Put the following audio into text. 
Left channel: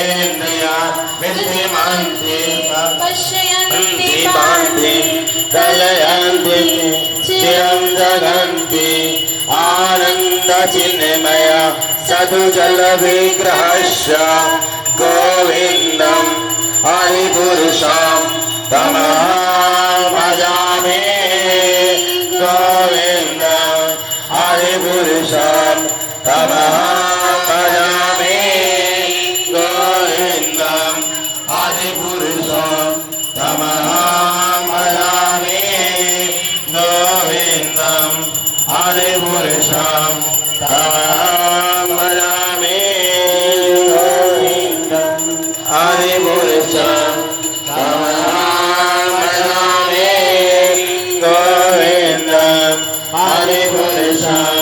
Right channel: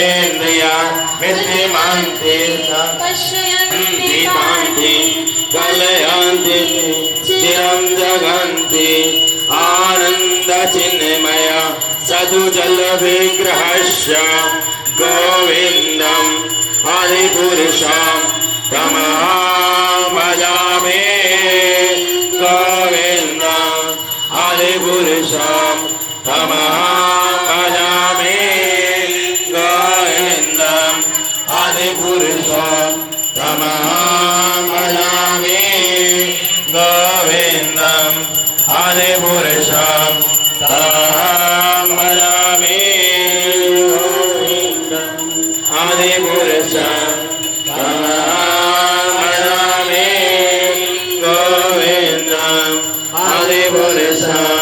सर्वेन्द्रिया विद्यमान्ति पश्यन्ति भान्ति कलयन्ति चिरं जगन्ति आनन्दचिन्मय सदुजलविग्रहस्य गोविन्दम् आदिपुरुषं तमहं भजामि गोविन्दम् आदिपुरुषं तमहं भजामि गोविन्दम् आदिपुरुषं तमहं भजामि गोविन्दम् आदिपुरुषं तमहं भजामि गोविन्दम् आदिपुरुषं तमहं भजामि गोविन्दम् आदिपुरुषं